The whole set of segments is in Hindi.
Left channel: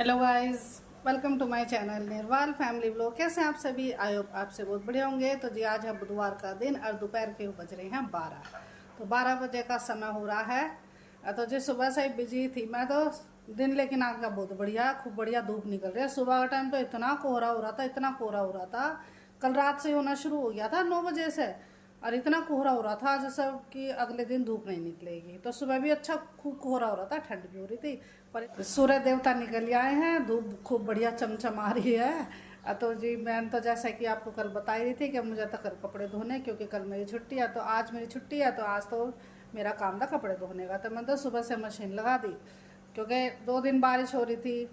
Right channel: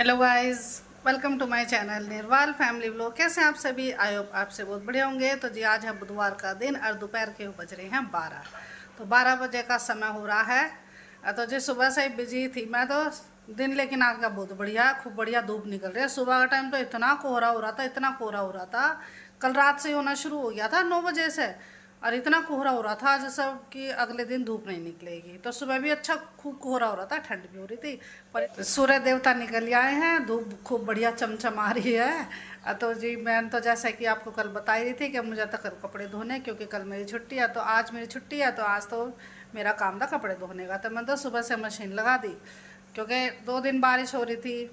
Hello guys, welcome to my channel Nirwal family vlog. कैसे हैं आप सभी? आई होप आपसे बहुत बढ़िया होंगे। तो जी आज है बुधवार का दिन और दोपहर के बज रहे हैं 12। तो 12 बजे का समय हो रहा है। तो जी सुबह से ही बिजी थी मैं तो। दिन लेकिन आज का बहुत बढ़िया, खूब बढ़िया धूप निकल रही है। सुबह का टाइम तो इतना कोहरा हो रहा था, इतना कोहरा हो रहा था। कल रात से ही होना शुरू हो गया था 9 बजे से, और इतना कोहरा हो रहा था जैसा कि अगले दिन धूप नहीं निकलेगी। तो सुबह भी अच्छा खूब कोहरा हो रहा था, ठंड भी हो रही थी। पर सूर्य देवता निकल आए हैं, धूप खूब बढ़िया चमचमा रही है। तो जी मैं तो जैसा कि आपको कल बता ही रही थी कि मुझे तो कल कपड़े धोने, क्योंकि कल मेरी छुट्टी है। तो आज मेरी छुट्टी है, तो आज तो मेरा काम था कपड़े धोने का। तो मैं तो सुबह से मशीन लगा दी, क्योंकि 2 दिन बारिश हो रही थी,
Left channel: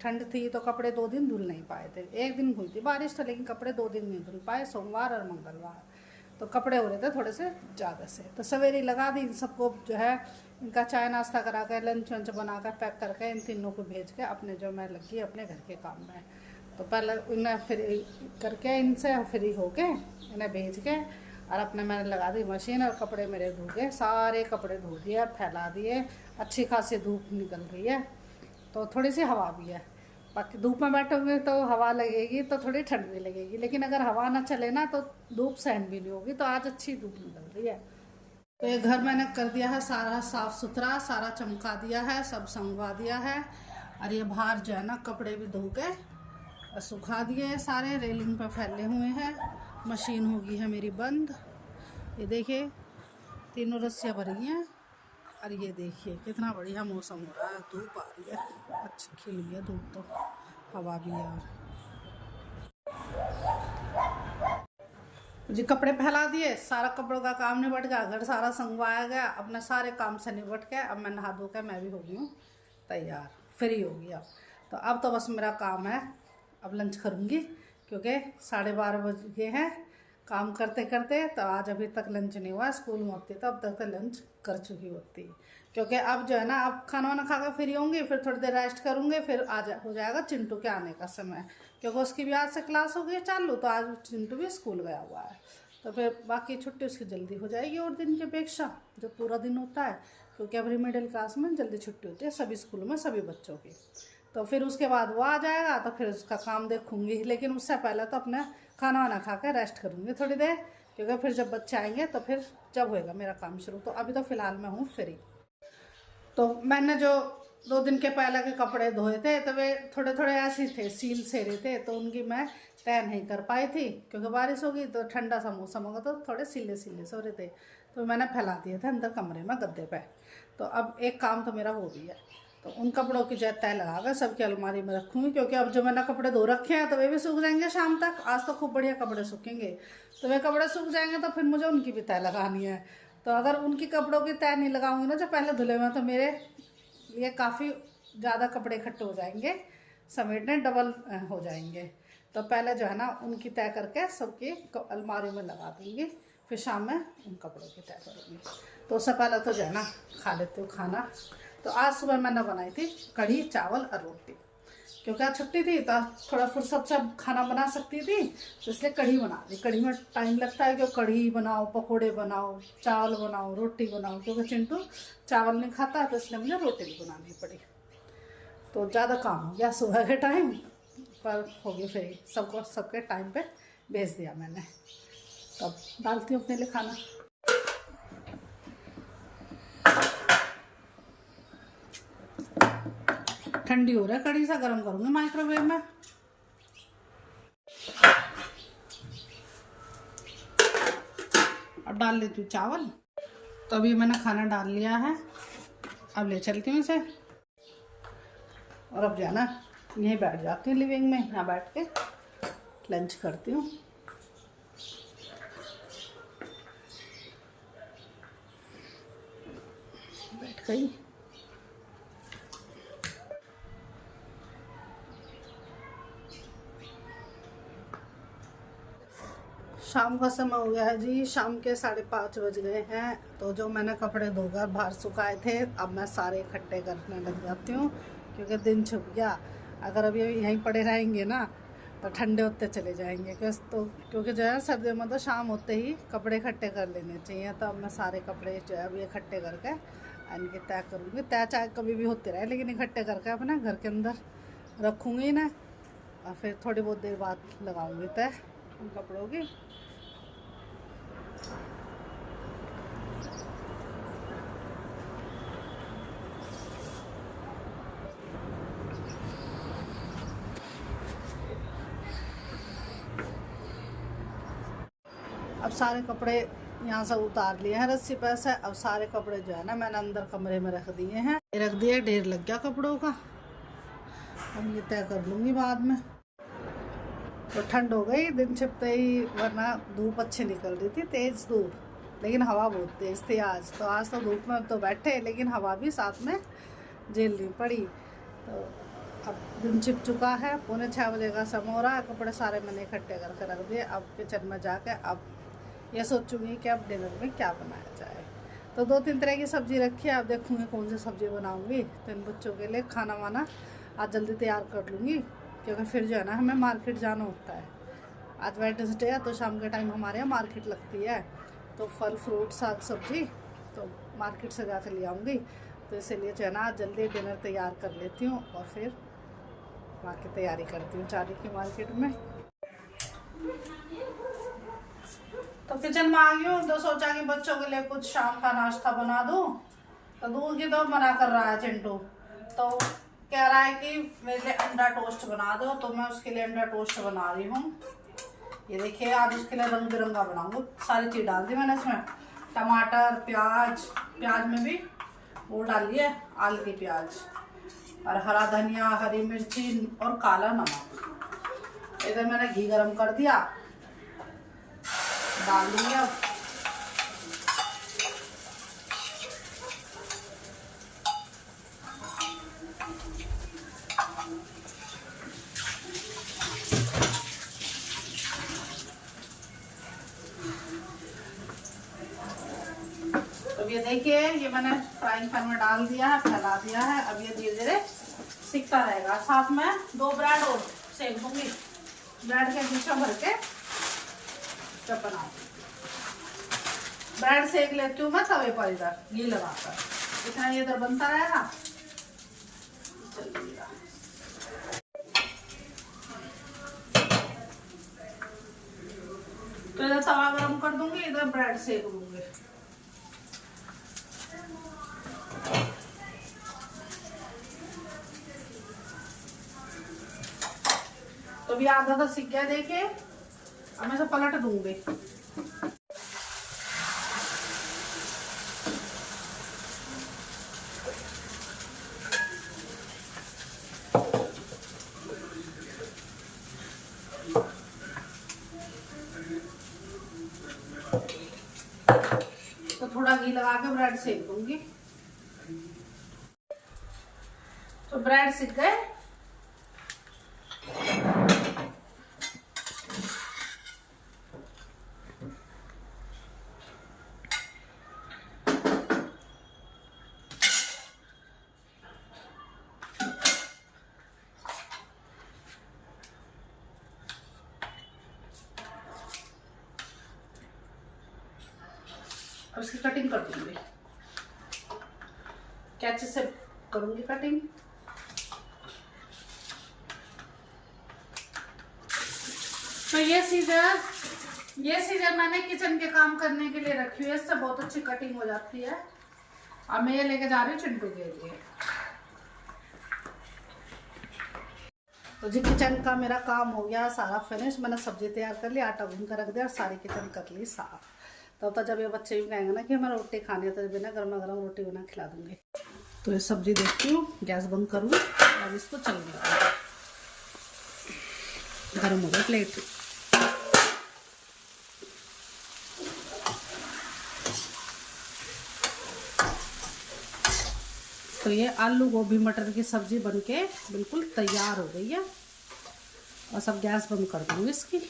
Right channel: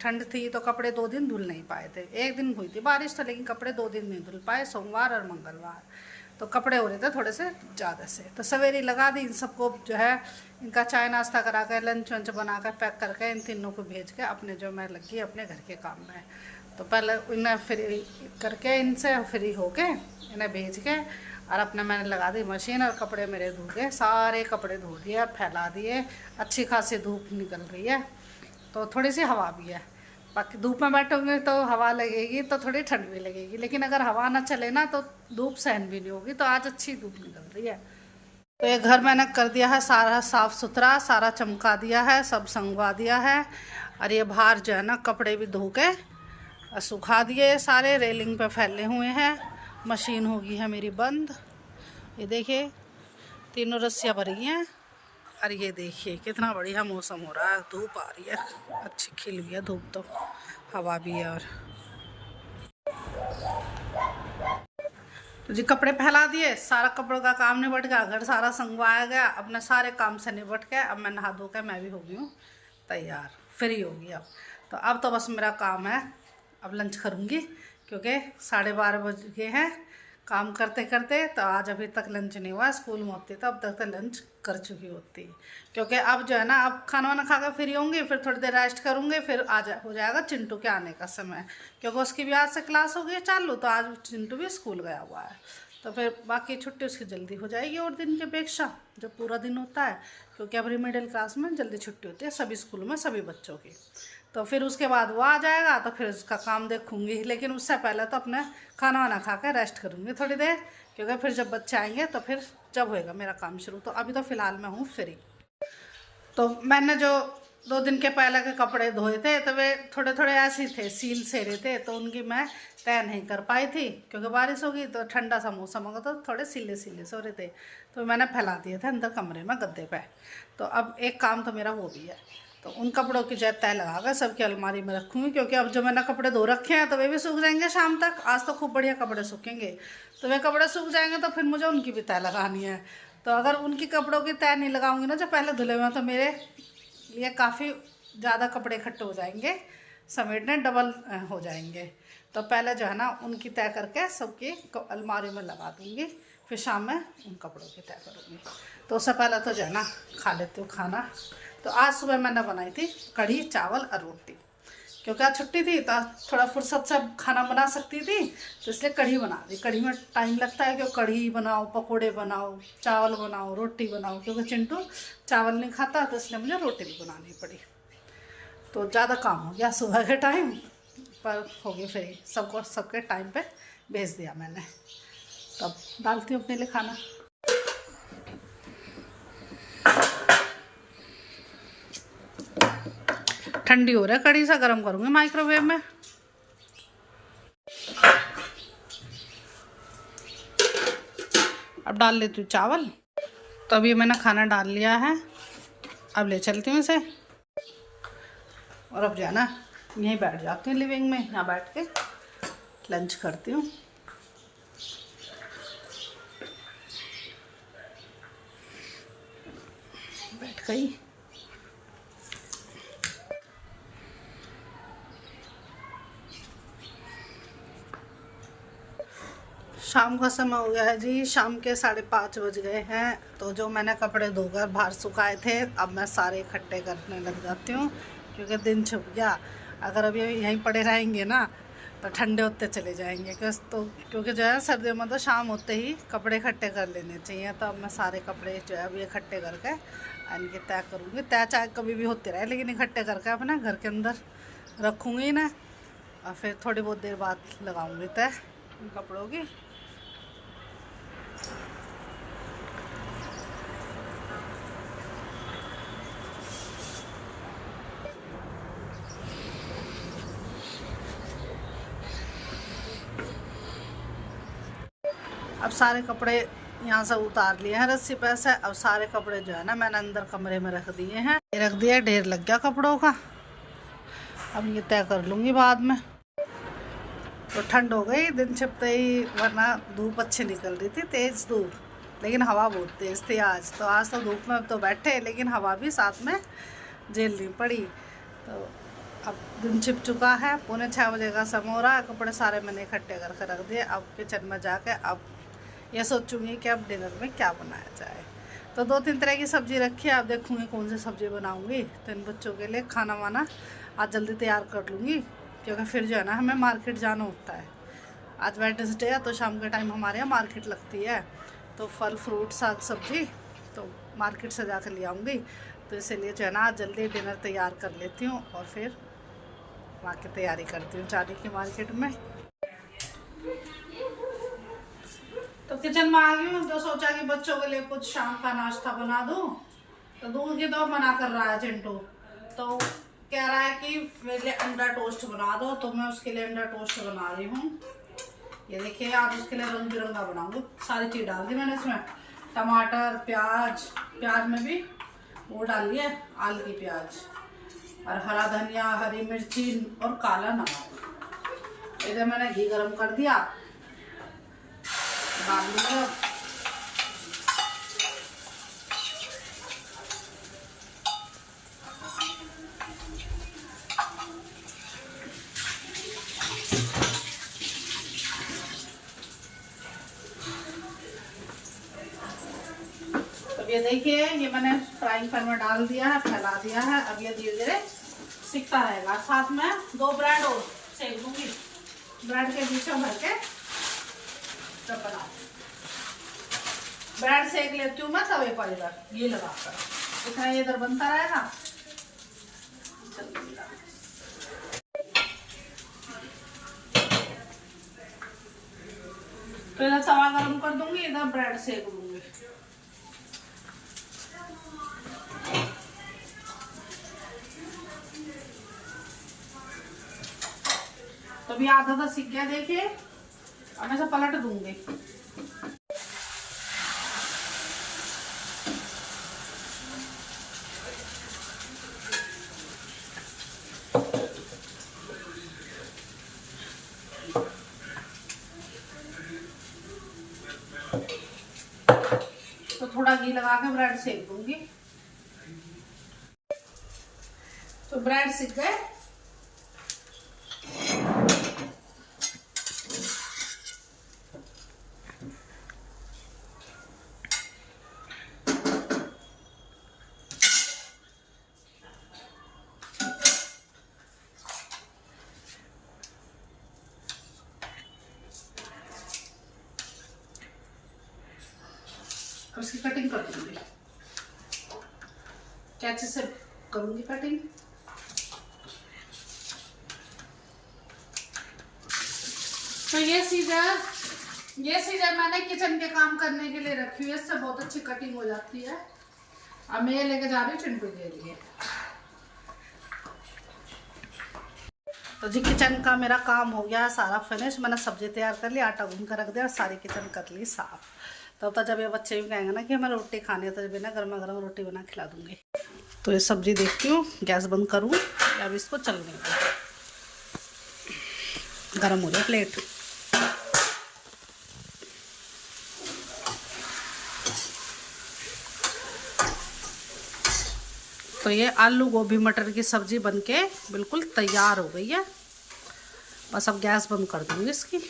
ठंड थी, तो कपड़े 2 दिन धुल नहीं पाए थे। एक दिन हुई थी बारिश तो, लेकिन कपड़े 2 दिन नहीं धुल पाए, सोमवार और मंगलवार। तो कपड़े हो रहे थे थोड़े से ज़्यादा से। तो सवेरे लगा दी इन सबको, जो है इनका चाय नाश्ता करा कर, लंच वंच बना कर, पैक करके इन तीनों को भेज के अपने जो मैं लगी अपने घर के काम में। तो पहले इन्हें फ्री करके, इनसे फ्री होके इन्हें भेज के, और अपने मैंने लगा दी मशीन, और कपड़े मेरे धो गए, सारे कपड़े धो दिए और फैला दिए। अच्छी खासी धूप निकल रही है, तो थोड़ी सी हवा भी है। बाकी धूप में बैठोगे तो हवा लगेगी, तो थोड़ी ठंड भी लगेगी, लेकिन अगर हवा ना चले ना तो धूप सहन भी नहीं होगी। तो आज अच्छी धूप निकल रही है। तो ये घर मैंने कर दिया है सारा साफ़ सुथरा, सारा चमका दिया है, सब संगवा दिया है। और ये बाहर जो है ना कपड़े भी धो के सुखा दिए, सारे रेलिंग पे फैले हुए हैं। मशीन होगी है मेरी बंद। ये देखिए तीनों रस्सियाँ भर गई हैं। और ये देखिए कितना बढ़िया मौसम हो रहा है, धूप आ रही है, अच्छी खिल हुई है धूप, तो हवा भी है। और तो जी कपड़े फैला दिए, सारा कपड़ों का काम निबट गया, घर सारा संगवाया गया, अपने सारे काम से निबट के अब मैं नहा धो के मैं भी हो गई हूँ तैयार, फ्री हो गई अब। तो अब तो बस मेरा काम है, अब लंच करूँगी, क्योंकि 12:30 बज गए हैं काम करते करते। तो आज अभी तक लंच नहीं हुआ, स्कूल में होती तो अब तक तो लंच कर चुकी होती। क्योंकि अब जो है ना, अब खाना वाना खा कर फ्री होंगी, फिर थोड़ी देर रेस्ट करूँगी, फिर हो जाएगा चिंटू के आने का समय, क्योंकि उसकी भी आज से क्लास हो गई चालू। तो आज चिंटू भी स्कूल गया हुआ है, तो फिर बाकी छुट्टी उसकी जल्दी हो जाएगी और दिन की अपेक्षा जो पूरा दिन होता है, क्योंकि अब मिडिल क्लास में जल्दी छुट्टी होती है सभी स्कूलों में, सभी बच्चों की। तो फिर उसके बाद वो आ जाएगा, तो फिर उसका काम देखूँगी, लेकिन उससे पहले तो अपना खाना वाना खा कर रेस्ट करूँगी थोड़ी देर, क्योंकि फिर जब बच्चे आएंगे तो फिर जब होएगा मेरा काम शुरू। तो अभी तो फ़िलहाल मैं हूँ फ्री। तो मैंने जो 2 दिन के पहले के कपड़े धोए थे, तो वे थोड़े थोड़े ऐसे ही थे, सील से रहे थे, तो उनकी मैं तय नहीं कर पाई थी, क्योंकि बारिश हो गई तो ठंडा सा मौसम होगा, तो थोड़े सीले सीले से हो रहे थे। तो मैंने फैला दिए थे अंदर कमरे में गद्दे पे। तो अब एक काम तो मेरा वो भी है, तो उन कपड़ों की जो तय लगा कर सबकी अलमारी में रखूँगी, क्योंकि अब जो मैंने कपड़े धो रखे हैं तो वे भी सूख जाएंगे शाम तक। आज तो खूब बढ़िया कपड़े सूखेंगे, तो वे कपड़े सूख जाएंगे, तो फिर मुझे उनकी भी तय लगानी है। तो अगर उनकी कपड़ों की तय नहीं लगाऊंगी ना जो पहले धुले हुए हैं, तो मेरे लिए काफ़ी ज़्यादा कपड़े इकट्ठे हो जाएंगे, समेटने डबल हो जाएंगे। तो पहले जो है ना उनकी तय करके सबकी अलमारी में लगा दूँगी, फिर शाम में उन कपड़ों की तय करूँगी। तो उससे पहले तो जो है ना खा लेती हूँ खाना। तो आज सुबह मैंने बनाई थी कढ़ी चावल और रोटी, क्योंकि आज छुट्टी थी तो थोड़ा फुर्सत से खाना बना सकती थी, तो इसलिए कढ़ी बना दी। कढ़ी में टाइम लगता है, कि कढ़ी बनाओ, पकोड़े बनाओ, चावल बनाओ, रोटी बनाओ, क्योंकि चिंटू चावल नहीं खाता, तो इसलिए मुझे रोटी भी बनानी पड़ी। तो ज़्यादा काम हो गया सुबह के टाइम पर, हो गई फ्री, सबको सबके टाइम पे भेज दिया मैंने। तब डालती हूँ अपने लिए खाना। ठंडी हो रहा है, कढ़ी सा गर्म करूँगी माइक्रोवेव में। अब डाल लेती हूँ चावल। तो अभी मैंने खाना डाल लिया है, अब ले चलती हूँ इसे, और अब जाना यहीं बैठ जाती हूँ लिविंग में, यहाँ बैठ के लंच करती हूँ। बैठ गई। शाम का समय हो गया है जी, शाम के 5:30 बज गए हैं। तो जो मैंने कपड़े धोकर बाहर सुखाए थे, अब मैं सारे इकट्ठे करने लग जाती हूँ, क्योंकि दिन छुप गया। अगर अभी यहीं पड़े रहेंगे ना तो ठंडे होते चले जाएंगे, क्योंकि जो है सर्दियों में तो शाम होते ही कपड़े इकट्ठे कर लेने चाहिए। तो अब मैं सारे कपड़े जो है अभी इकट्ठे करके इनकी तय करूँगी। तय चाहे कभी भी होती रहे, लेकिन इकट्ठे करके अपने घर के अंदर रखूँगी ना और फिर थोड़ी बहुत देर बाद लगाऊंगी तय इन कपड़ों की। अब सारे कपड़े यहाँ से उतार लिए हैं रस्सी पे से। अब सारे कपड़े जो है ना मैंने अंदर कमरे में रख दिए हैं। रख दिया, ढेर लग गया कपड़ों का। अब ये तय कर लूँगी बाद में। तो ठंड हो गई दिन छिपते ही, वरना धूप अच्छी निकल रही थी, तेज़ धूप, लेकिन हवा बहुत तेज़ थी आज। तो आज तो धूप में तो बैठे, लेकिन हवा भी साथ में झेलनी पड़ी। तो अब दिन छिप चुका है, 5:45 का समय हो रहा है। कपड़े सारे मैंने इकट्ठे करके रख दिए। अब किचन में जाके अब ये सोचूंगी कि अब डिनर में क्या बनाया जाए। तो 2-3 तरह की सब्ज़ी रखी है, अब देखूँगी कौन सी सब्ज़ी बनाऊँगी। तो इन बच्चों के लिए खाना वाना आज जल्दी तैयार कर लूँगी, क्योंकि फिर जो है ना हमें मार्केट जाना होता है। आज वेडनेसडे है तो शाम के टाइम हमारे यहाँ मार्केट लगती है। तो फल फ्रूट साग सब्जी तो मार्केट से जाकर ले आऊँगी। तो इसीलिए जो है ना आज जल्दी डिनर तैयार कर लेती हूँ और फिर वहाँ की तैयारी करती हूँ जाने की मार्केट में। तो किचन में आ गई हूँ, तो सोचा कि बच्चों के लिए कुछ शाम का नाश्ता बना दूँ। तो दूध की तो मना कर रहा है चिंटू, तो कह रहा है कि मेरे लिए अंडा टोस्ट बना दो। तो मैं उसके लिए अंडा टोस्ट बना रही हूँ। ये देखिए आज उसके लिए रंग बिरंगा बनाऊंगी। सारी चीज़ डाल दी मैंने इसमें, टमाटर, प्याज में भी वो डाल लिया, आलू की प्याज और हरा धनिया, हरी मिर्ची और काला नमक। इधर मैंने घी गरम कर दिया, डाल दिया। अब ये देखिए ये मैंने फ्राइंग पैन में डाल दिया है, फैला दिया है। अब ये धीरे धीरे सिकता रहेगा। साथ में 2 ब्रेड और सेक दूंगी, ब्रेड के बीच में भर के तब बनाऊँ। ब्रेड सेक लेती हूँ मैं तवे पर, इधर घी लगाकर, इतना ये इधर बनता रहेगा। चलिएगा तो इधर तवा गरम कर दूंगी, इधर ब्रेड सेक दूंगी। तो भी आधा तो सीख गया देखिए। अब मैं इसे पलट दूंगी। तो थोड़ा घी लगा के ब्रेड सेक दूंगी। तो ब्रेड सीख गए। अब इसकी कटिंग कर दूंगी, कैंची से करूंगी कटिंग। तो ये सीजर मैंने किचन के काम करने के लिए रखी हुई है, इससे बहुत अच्छी कटिंग हो जाती है। अब मैं ये लेके जा रही हूँ चिंटू के लिए। तो जी किचन का मेरा काम हो गया सारा फिनिश। मैंने सब्जी तैयार कर ली, आटा गूंद कर रख दिया और सारी किचन कर ली साफ। तब तक जब ये बच्चे भी कहेंगे ना कि हमें रोटी खानी है, तो जब ना गर्मा गर्म रोटी बना खिला दूंगी। तो ये सब्जी देखती हूँ, गैस बंद करूँ या अब इसको चलने दूँ, गर्म हो जाए प्लेट। तो ये आलू गोभी मटर की सब्जी बनके बिल्कुल तैयार हो गई है। बस अब गैस बंद कर दूंगी इसकी।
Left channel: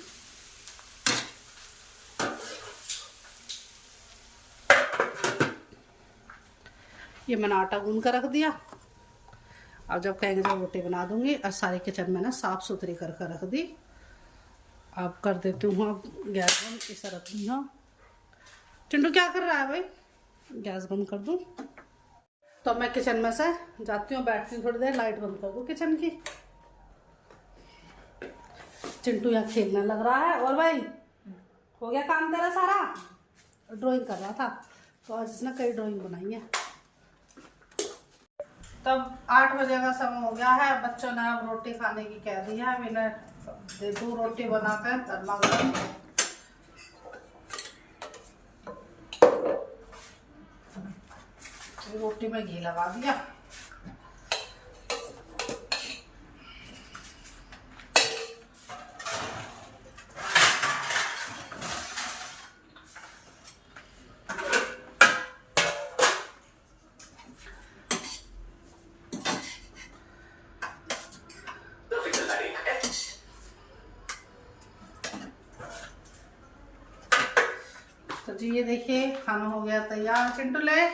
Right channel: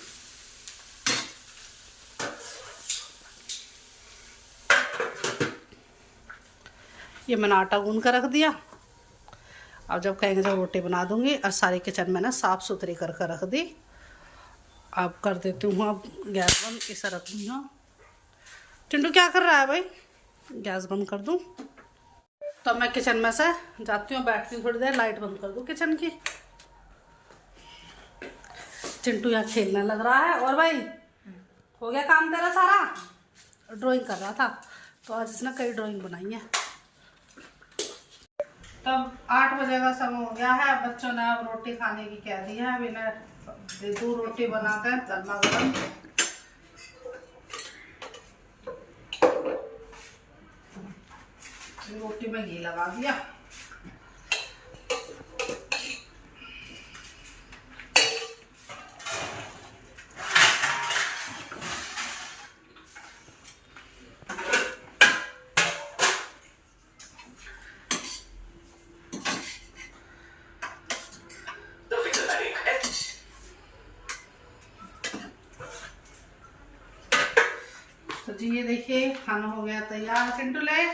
ये मैंने आटा गूंद कर रख दिया। अब जब कहेंगे जब रोटी बना दूंगी। और सारी किचन मैंने साफ़ सुथरी कर रख दी। अब कर देती हूँ अब गैस बंद, इसे रख दूँगा। चिंटू क्या कर रहा है भाई? गैस बंद कर दूँ। तो मैं किचन में से जाती हूँ, बैठती हूँ थोड़ी देर, लाइट बंद कर दूँ किचन की। चिंटू यहाँ खेलने लग रहा है। और भाई हो गया काम तेरा सारा? ड्राइंग कर रहा था, तो आज इसने कई ड्राइंग बनाई है। तब 8 बजे का समय हो गया है। बच्चों ने अब रोटी खाने की कह दी है। अभी मैं दे दूँ रोटी बना कर गर्मा गर्म। रोटी में घी लगा दिया। तो जी ये देखिए खाना हो गया तैयार। चिंटू ले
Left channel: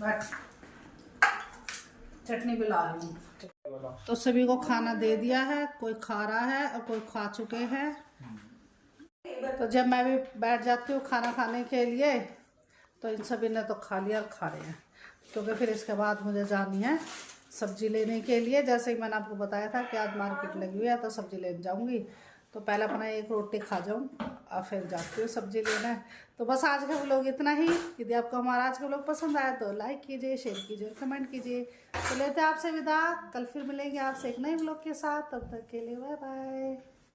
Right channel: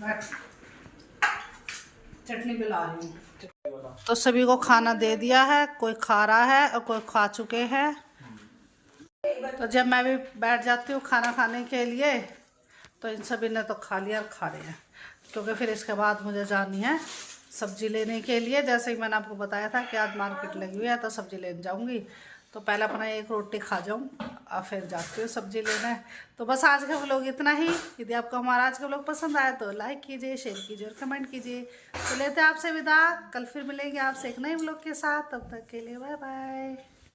बैठ, चटनी भी ला रही हूँ। तो सभी को खाना दे दिया है, कोई खा रहा है और कोई खा चुके हैं। तो जब मैं भी बैठ जाती हूँ खाना खाने के लिए, तो इन सभी ने तो खा लिया और खा रहे हैं, क्योंकि फिर इसके बाद मुझे जानी है सब्जी लेने के लिए। जैसे ही मैंने आपको बताया था कि आज मार्केट लगी हुई है तो सब्जी लेने जाऊंगी, तो पहले अपना एक रोटी खा जाऊं और फिर जाती हूँ सब्जी लेने। तो बस आज का व्लॉग इतना ही। यदि आपको हमारा आज का व्लॉग पसंद आया तो लाइक कीजिए, शेयर कीजिए और कमेंट कीजिए। तो लेते हैं आपसे विदा। कल फिर मिलेंगे आपसे एक नए व्लॉग के साथ। तब तक के लिए बाय बाय।